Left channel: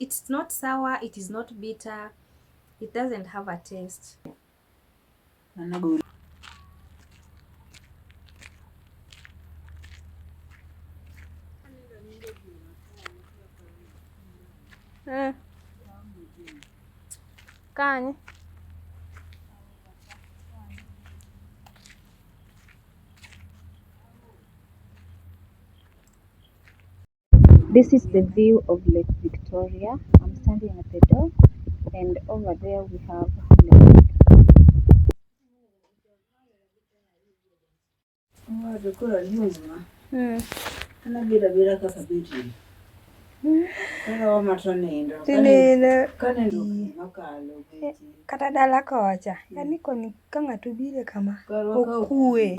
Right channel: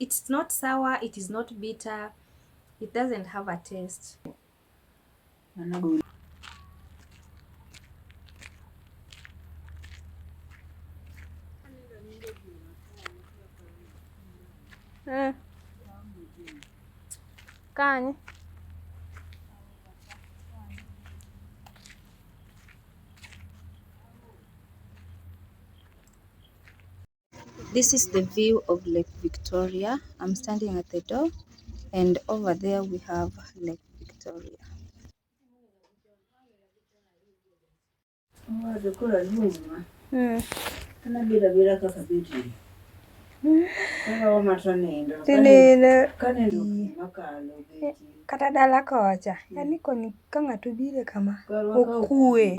it's not sour, it is not bitter, it doesn't have a taste. Kanye. This is the view of Lake Victoria. I'm standing at the door, and over there we have Lake Victoria. Kata dala kocha yani koni ka ng'ato bire kama okue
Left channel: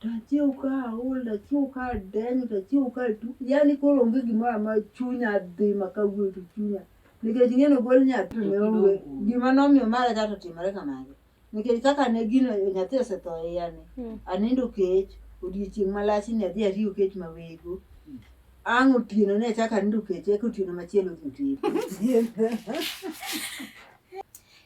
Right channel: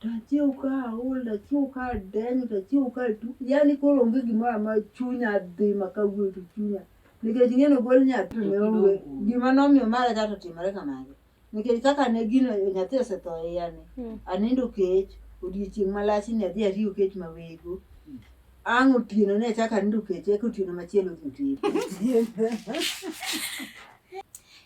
tachiu ka ol tachiu ka deny tachiu ka tu yani koro onge gimoro ma chunya dhi makawuoto chunya nikech ing'eno gol nyathi ne onge gima nomiyo mara chato timore kamano nikech kaka ne gino nyathi osetho yani anindo kech odiochieng' malach ni adhi ariyo kech mawego ang' otieno ne chaka anindo kech eka otieno machielo dhi tedo.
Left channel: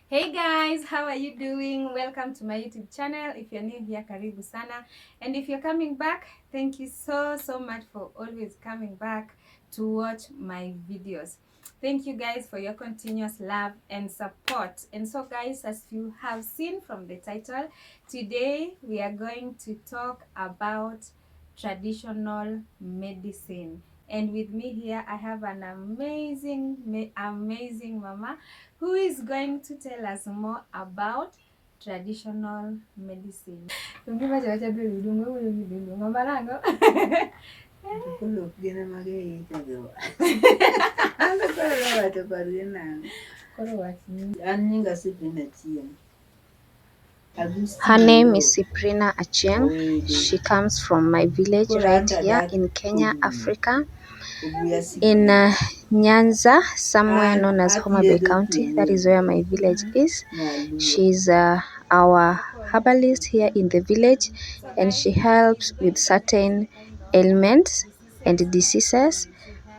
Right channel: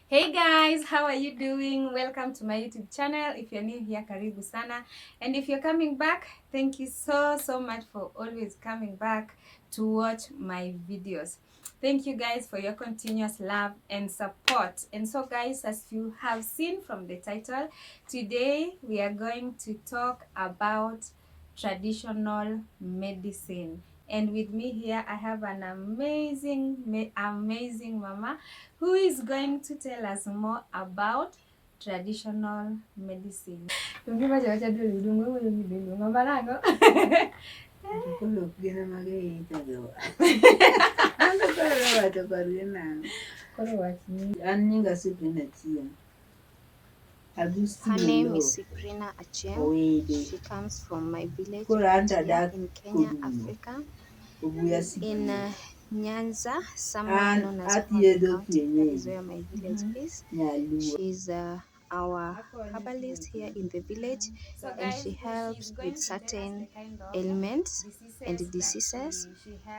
Hey guys, how are you doing? Welcome to my YouTube channel. If you're new here, karibu sana. And if you're coming back, thank you so much for always coming back to watch my videos. Thank you guys for your continuous love and support. And so guys, as you have seen from the title, today we are going to talk about traditional medicine. And with me here, I have an amazing mama who is going to tell us more about traditional medicine. Her name is Cyprina Achieng. She comes from my village right here in Kenya, Africa, in Nyanza, somewhere known as Homa Bay County. That is where my village is. She's our herbalist here in the village, and she helps with certain ailments and diseases,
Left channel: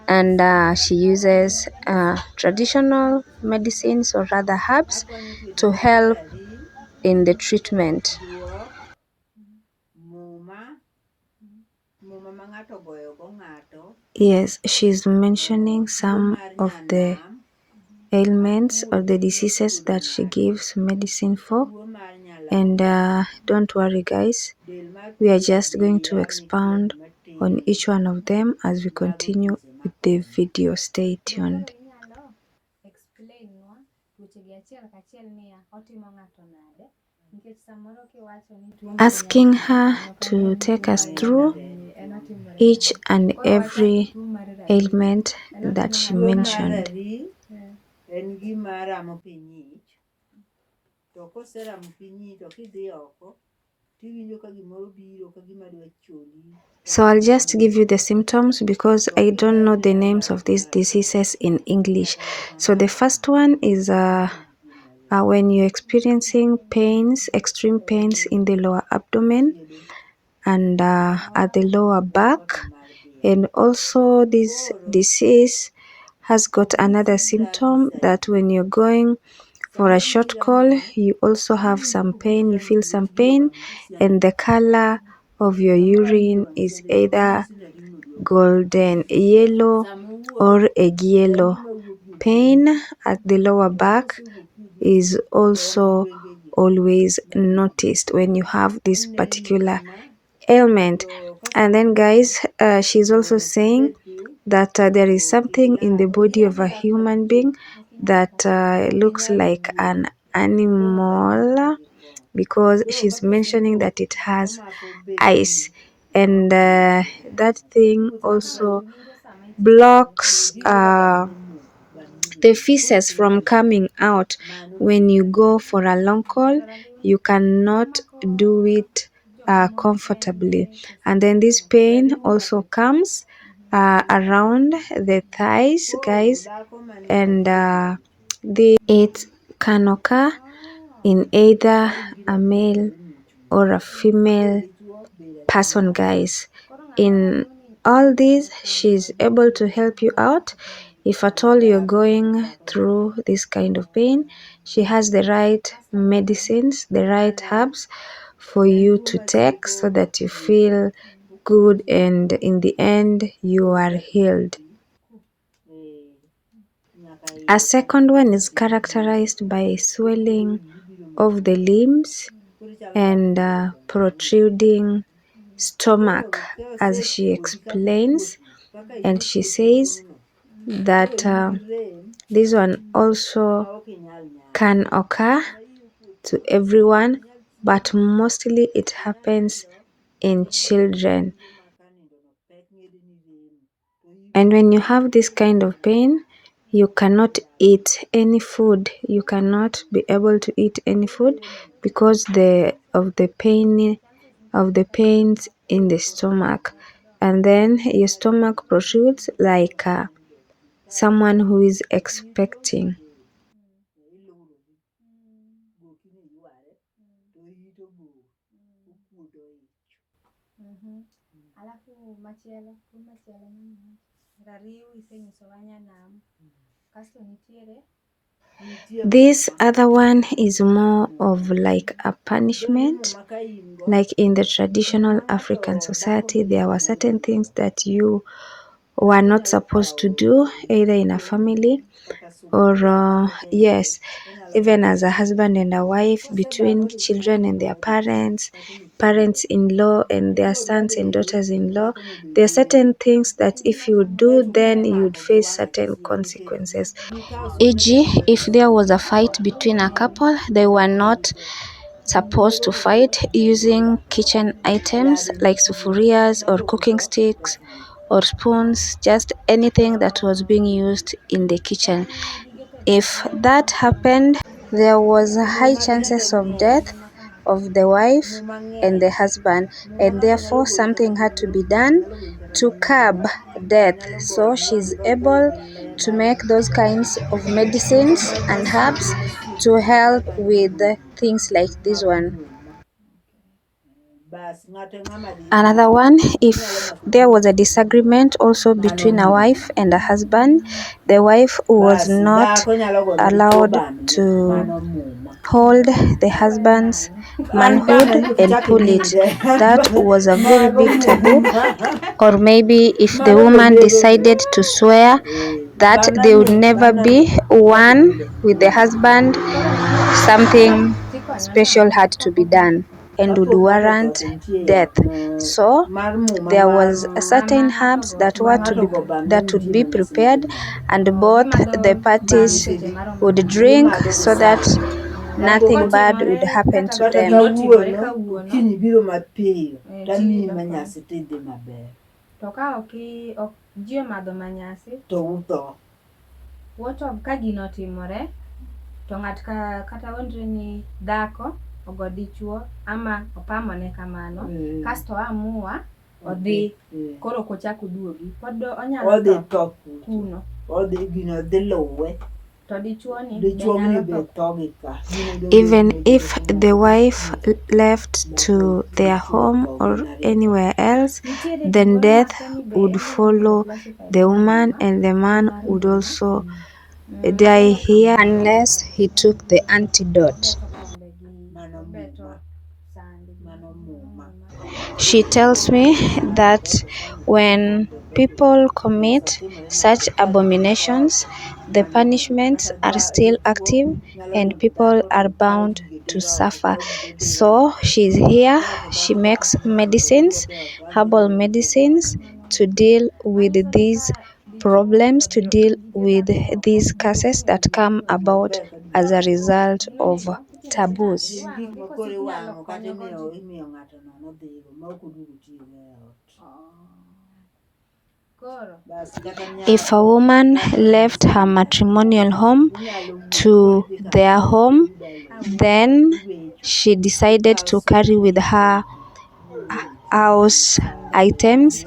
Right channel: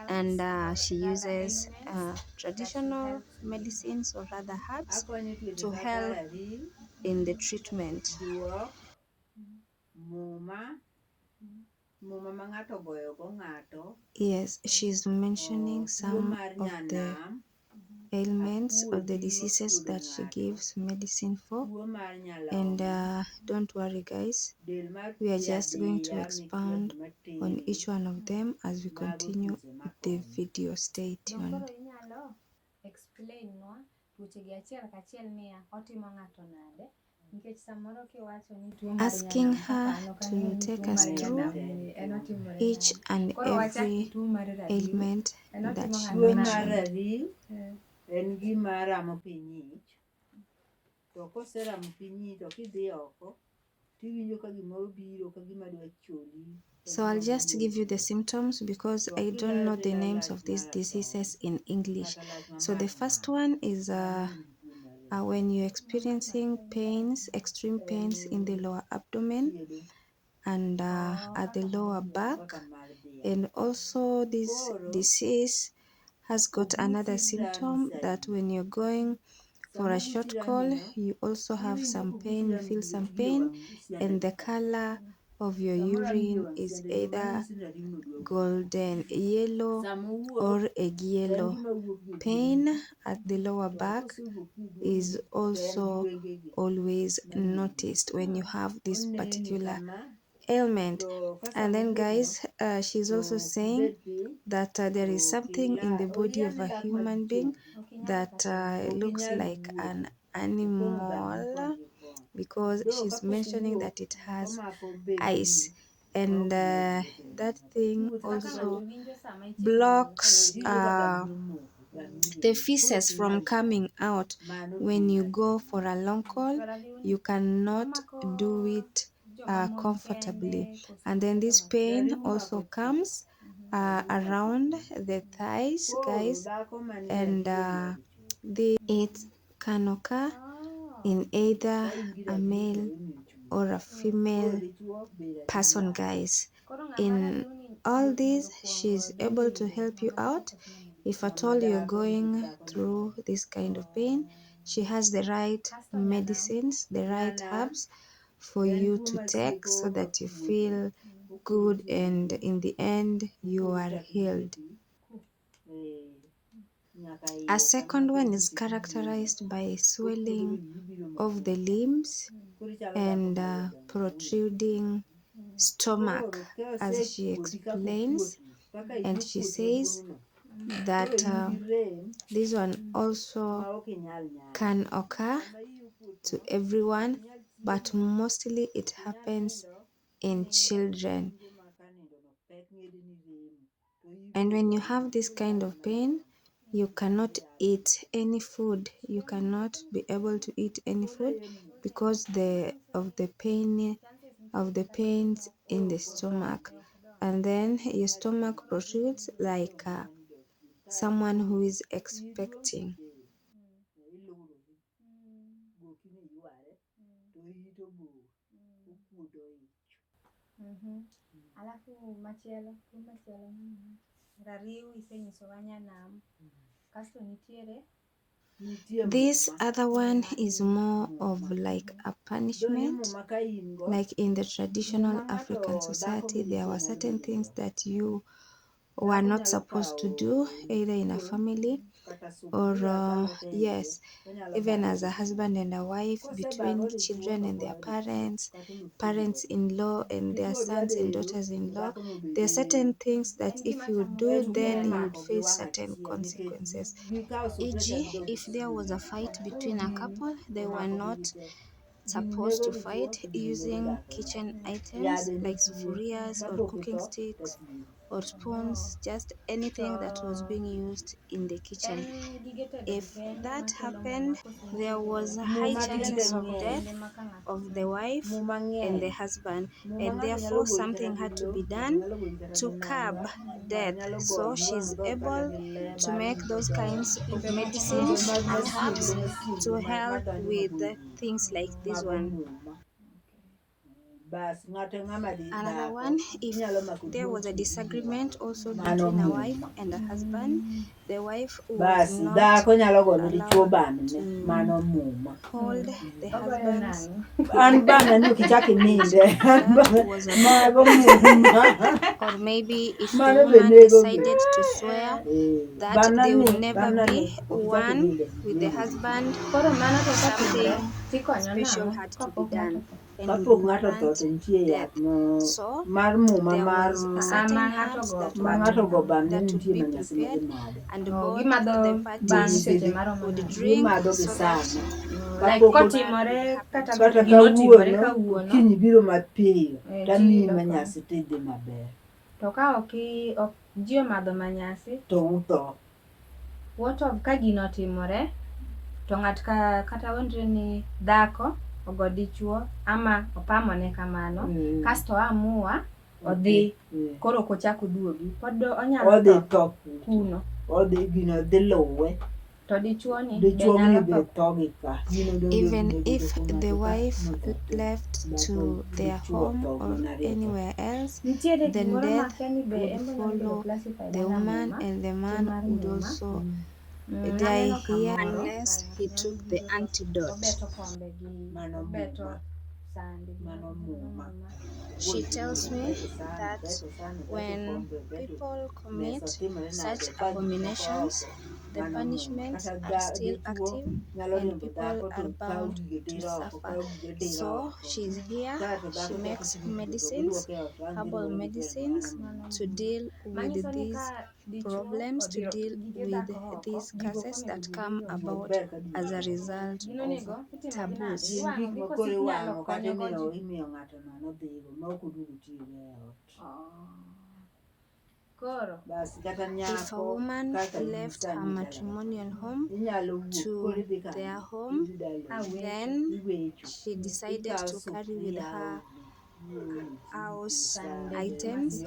and she uses traditional medicines, or rather herbs, to help in the treatment. Yes, she's mentioning some of the ailments or the diseases that she gives medicine for. And don't worry guys, we are just going to expound on each one of them as we continue with the video. Stay tuned. Asking her to take us through each and every ailment that she mentioned. So I'll just give you the symptoms because I don't know the names of these diseases in English. So the first one is when you're experiencing pains, extreme pains in the lower abdomen and at the lower back. And also this disease has got another symptom that when you're going for a short call, you also have some pain, you feel some pain, and the color of your urine is either golden yellow or egg yellow. Pain at the lower back is also always noticed when you have this particular ailment. And then guys, she's also saying that there is something in the body of a human being that looks like an animal, because she's mentioning that it has eyes, and that thing also blocks the feces from coming out. When you go for a long call, you cannot do it comfortably. And then this pain also comes around the thighs, guys, and it can occur in either a male or a female person, guys. In all these, she's able to help you out. If at all you're going through this kind of pain, she has the right medicines, the right herbs for you to take so that you feel good and in the end you are healed. A second one is characterized by swelling of the limbs and protruding stomach, as she explains. And she says that this one also can occur to everyone, but mostly it happens in children. And when you have this kind of pain, you cannot eat any food. You cannot be able to eat any food because of the pains in the stomach. And then your stomach protrudes like someone who is expecting. Alafu machielo, tuo machielo mane rariw isenyiso wanyanam kasto nitiere. This other one is more of like a punishment. Like in the traditional African society, there were certain things that you were not supposed to do, either in a family or, yes, even as a husband and a wife, between children and their parents, parents in law and their sons and daughters in law. There are certain things that if you do, then you'd face certain consequences. E.g., if there was a fight between a couple, they were not supposed to fight using kitchen items like sufurias or cooking sticks or spoons, just anything that was being used in the kitchen. If that happened, there was a high chances of death of the wife and the husband, and therefore something had to be done to curb death. So she's able to make those kinds of medicines and herbs to help with things like this one. Another one, if there was a disagreement also between a wife and a husband, the wife was not allowed to hold the husband's manhood and pull it. That was a very big taboo. Or maybe if the woman decided to swear that they would never be one with the husband, something special had to be done and would warrant death. So there was a certain herbs that would be prepared, and both the parties would drink so that nothing bad would happen to them. To ka ok ji omadho manyasi to utho. What of ka gino otimore to ng'at kata wendre ni dhako ogo dichuo ama opamone kamano, kasto amua odhi koro kochako duogi, pod onyalo tho kuno. Gino dhi luwe. Even if the wife left to their home or anywhere else, then death would follow the woman, and the man would also die here unless he took the antidote. She tells me that when people commit such abominations, the punishments are still active and people are bound to suffer. So she's here, she makes medicines, herbal medicines, to deal with these problems, to deal with these curses that come about as a result of taboos. If a woman left her matrimonial home to their home, then she decided to carry with her house items,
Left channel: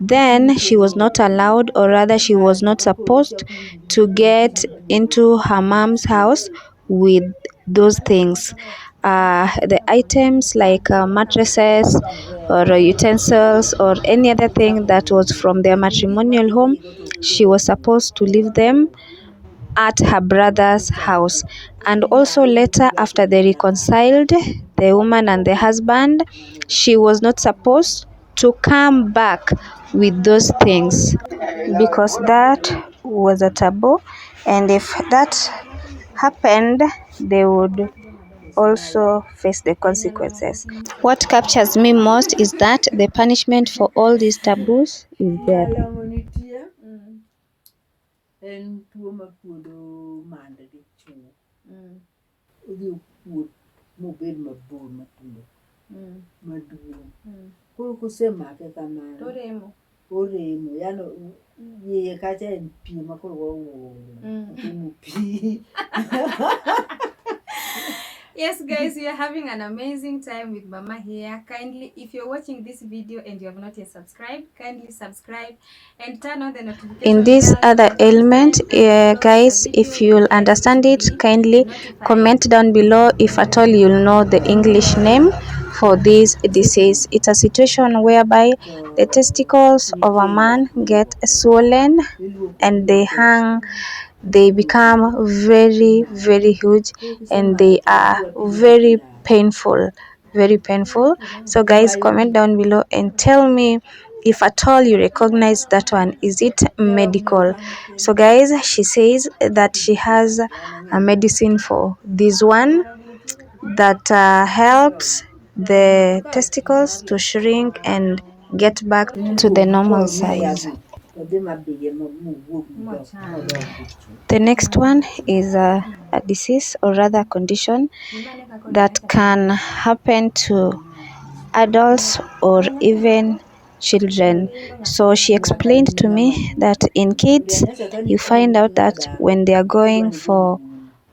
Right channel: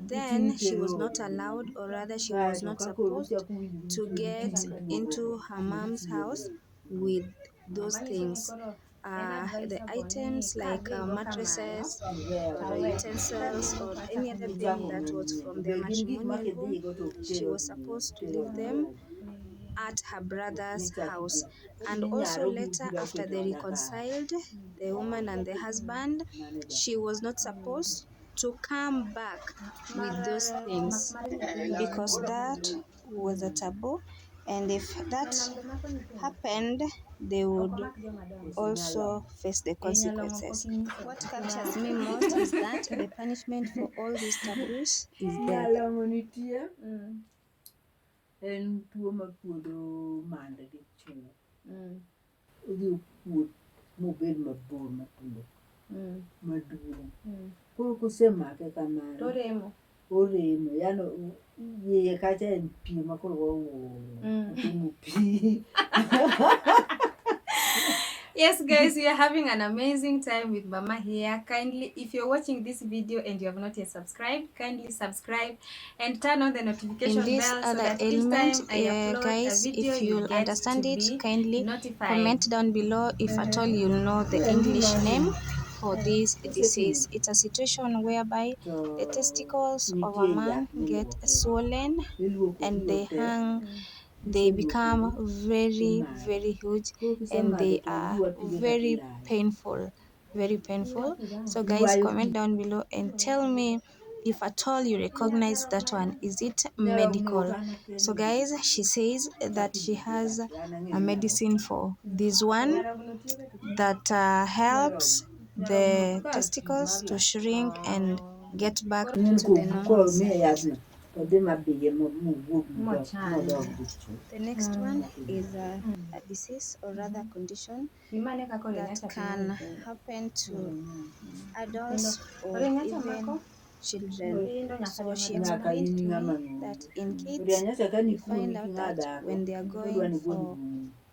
then she was not allowed, or rather she was not supposed to get into her mom's house with those things. the items like mattresses or utensils or any other thing that was from their matrimonial home, she was supposed to leave them at her brother's house. And also later, after they reconciled, the woman and the husband, she was not supposed to come back with those things because that was a taboo, and if that happened, they would also face the consequences. What captures me most is that the punishment for all these taboos is death. En tuo mapuodo mande gi chuo. Odhi okuot mobed mabor matundo maduong'. Koro kosemake kamano oremo yani iye kacha en pi makoro otimo pi. Yes, guys, we are having an amazing time with Mama here. Kindly, if you're watching this video and you have not yet subscribed, kindly subscribe and turn on the notification In this bell so other that element, each time I upload guys, a video, if you'll you get understand to it, be kindly notified. comment down below if at all you'll know the English name for this disease. It's a situation whereby the testicles of a man get swollen and they become very, very huge, and they are very painful. So guys, comment down below and tell me if at all you recognize that one. Is it medical? So guys, she says that she has a medicine for this one that helps the testicles to shrink and get back to the normal size. The next one is a disease, or rather condition, that can happen to adults or even children. So she explained to me that in kids, you find out that when they are going for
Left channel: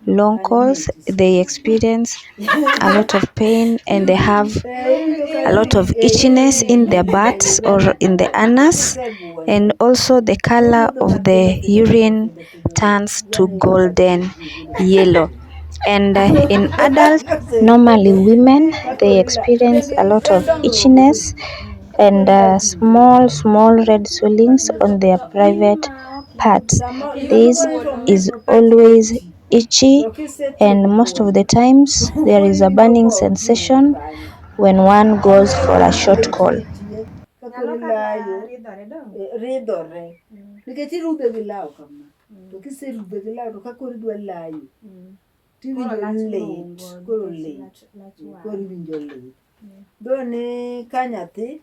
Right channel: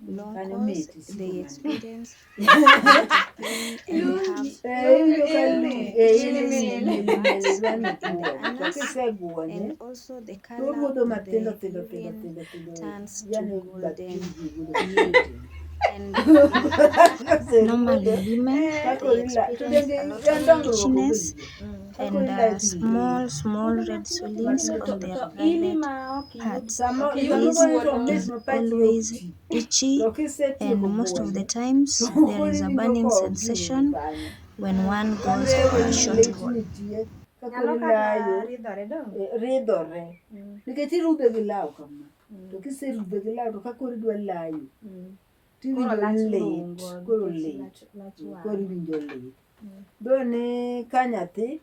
long calls, they experience a lot of pain and they have a lot of itchiness in their butts or in the anus, and also the color of the urine turns to golden yellow. And in adults, normally women, they experience a lot of itchiness and small red swellings on their private parts. This is always itchy, and most of the times there is a burning sensation when one goes for a short call. Ridhore nikech irudhe gi law kama to kiserudhe gi law to ka koro idwa layo tiwinjo lit, koro iwinjo lit. Doni ka nyathi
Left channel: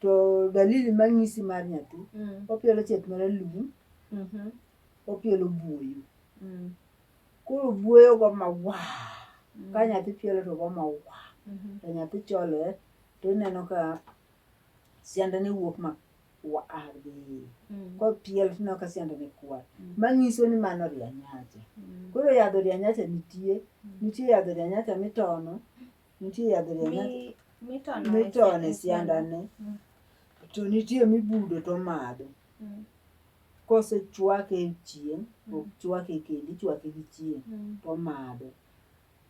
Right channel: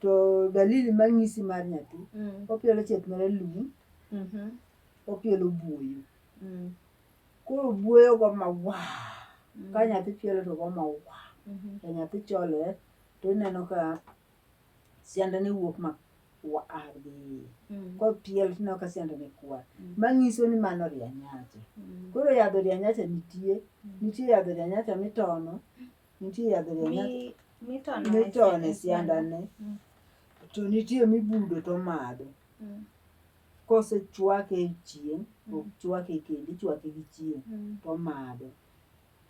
to dalili mang'isi mar nyathi, opielo chieth maralum, opielo buoyo. Koro buoyo go mawa, ka nyathi pielo to go mawa, to nyathi cholore to ineno ka siandane wuok ma kwar gi iye. Kopiel tineno ka siandane kwar, mang'iso ni mano rianyacha. Koro yadh rianyacha nitie yadh rianyacha mitono, nitie yadh rianyacha mitone siandane, to nitie mibudo to madho. Kosechwake e chieng', ok chwake kendo, ichwake gi chieng' to madho.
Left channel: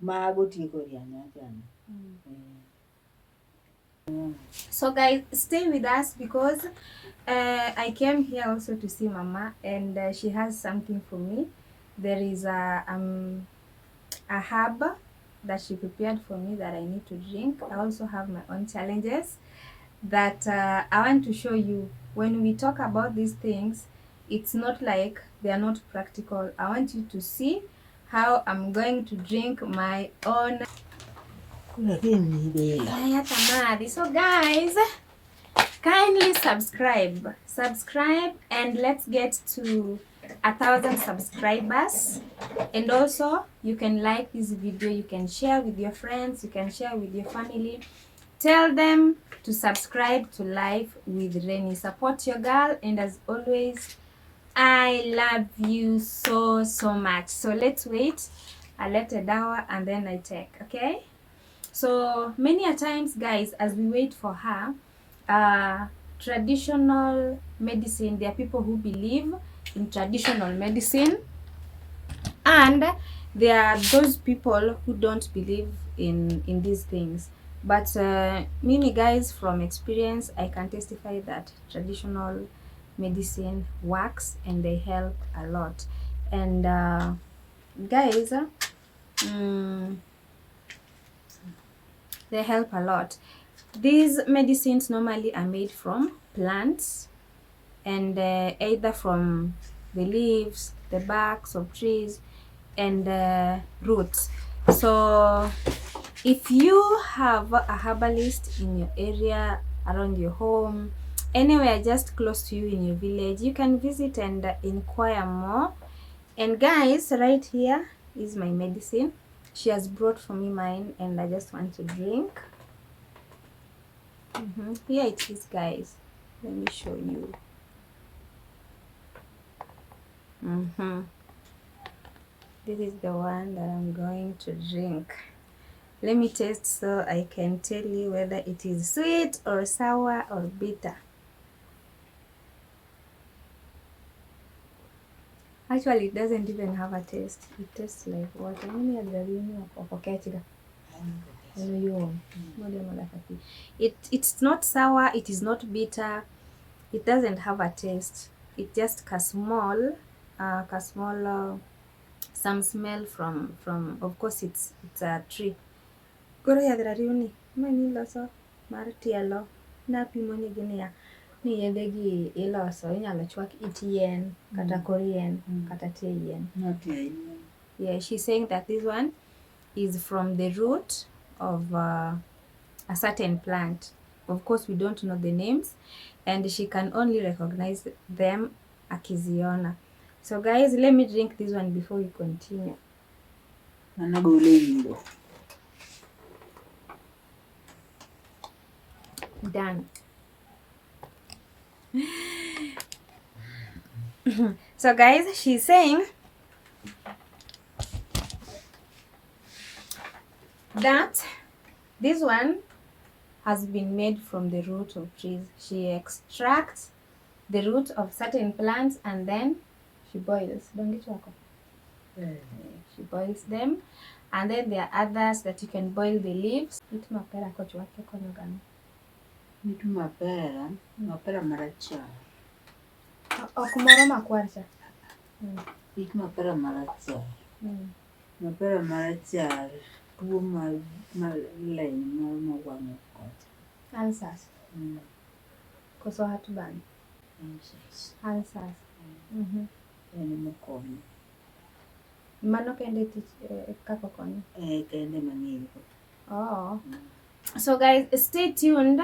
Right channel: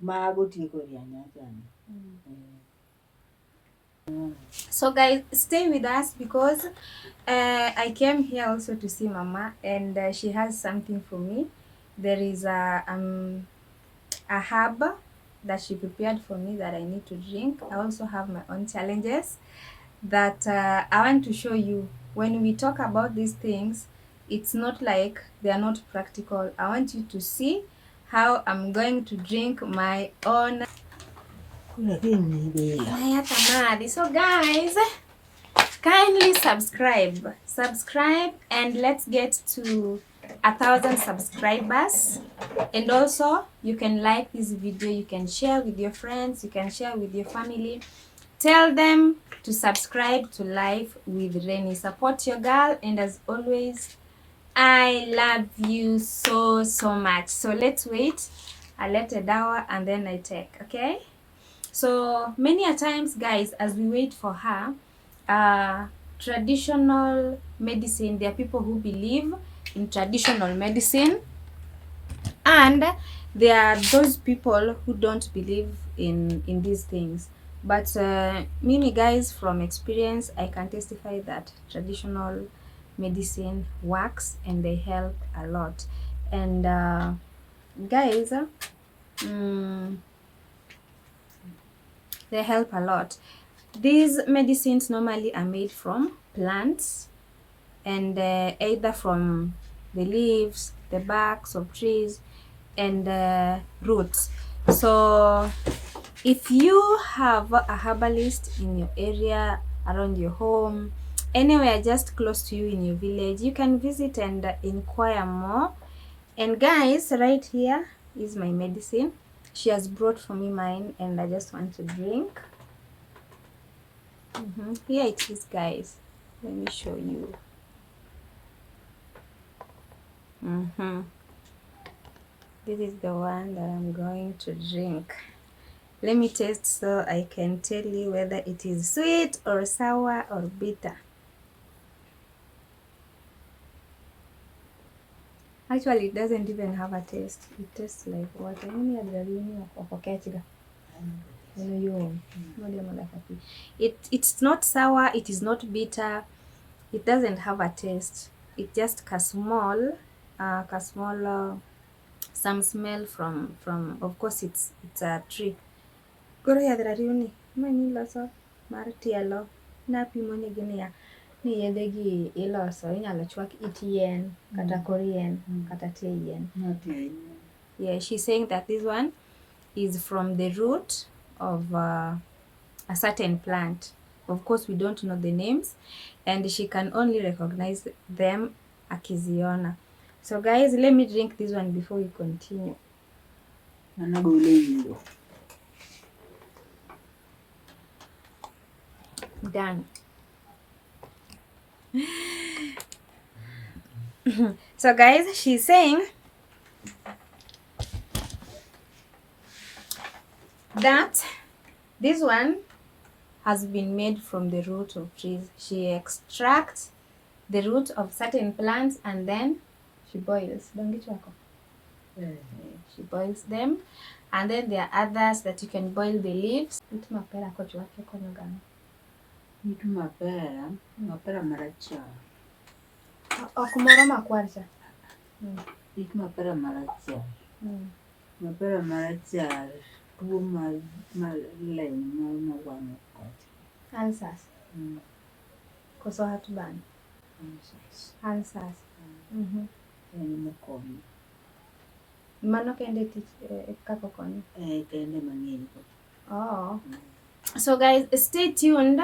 Mago tieko rianyacha ni. So guys, stay with us because I came here also to see Mama, and she has something for me. There is a herb that she prepared for me that I need to drink. I also have my own challenges that I want to show you. When we talk about these things, it's not like they are not practical. I want you to see how I'm going to drink my own. So guys, kindly subscribe and let's get to 1,000 subscribers. And also you can like this video, you can share with your friends, you can share with your family. Tell them to subscribe to Life with Reni. Support your girl, and as always, I love you so much. So let's wait. I let a dawa and then I take, okay? So many a times, guys, as we wait for her, traditional medicine, there are people who believe in traditional medicine, and there are those people who don't believe in these things, but mimi guys, from experience I can testify that traditional medicine works and they help a lot. And guys, mm, they help a lot. These medicines normally are made from plants, and either from the leaves, the barks of trees, and roots. So if you have a herbalist in your area, around your home, anywhere just close to you in your village, you can visit and inquire more. And guys, right here is my medicine. She has brought for me mine, and I just want to drink. Here it is, guys. Let me show you. This is the one that I'm going to drink. Let me taste so I can tell you whether it is sweet or sour or bitter. Actually, it doesn't even have a taste. It tastes like water. It's not sour, it is not bitter, it doesn't have a taste. It just some smell from, of course, it's a tree. Goro yadhra riuni mani loso mar tielo napimo ni gini ya ni yedhe gi iloso, inyalo chwak it yien kata kor yien kata tie yien. Yeah, she's saying that this one is from the root of a certain plant. Of course, we don't know the names, and she can only recognize them akiziona. So guys, let me drink this one before we continue. Done. So guys, she's saying that this one has been made from the root of trees. She extracts the root of certain plants and then she boils. She boils them, and then there are others that you can boil the leaves. Okumoro makwar cha. Mapera marachar tuo mar leny moro mawang'o kacha. Ulcers. Koso heartburn. Ulcers. En mokonyo. Mano kende kako konyo. Kende mang'eyo. Oh. So guys, stay tuned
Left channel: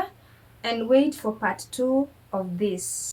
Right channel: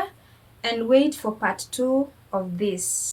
and wait for part 2 of this.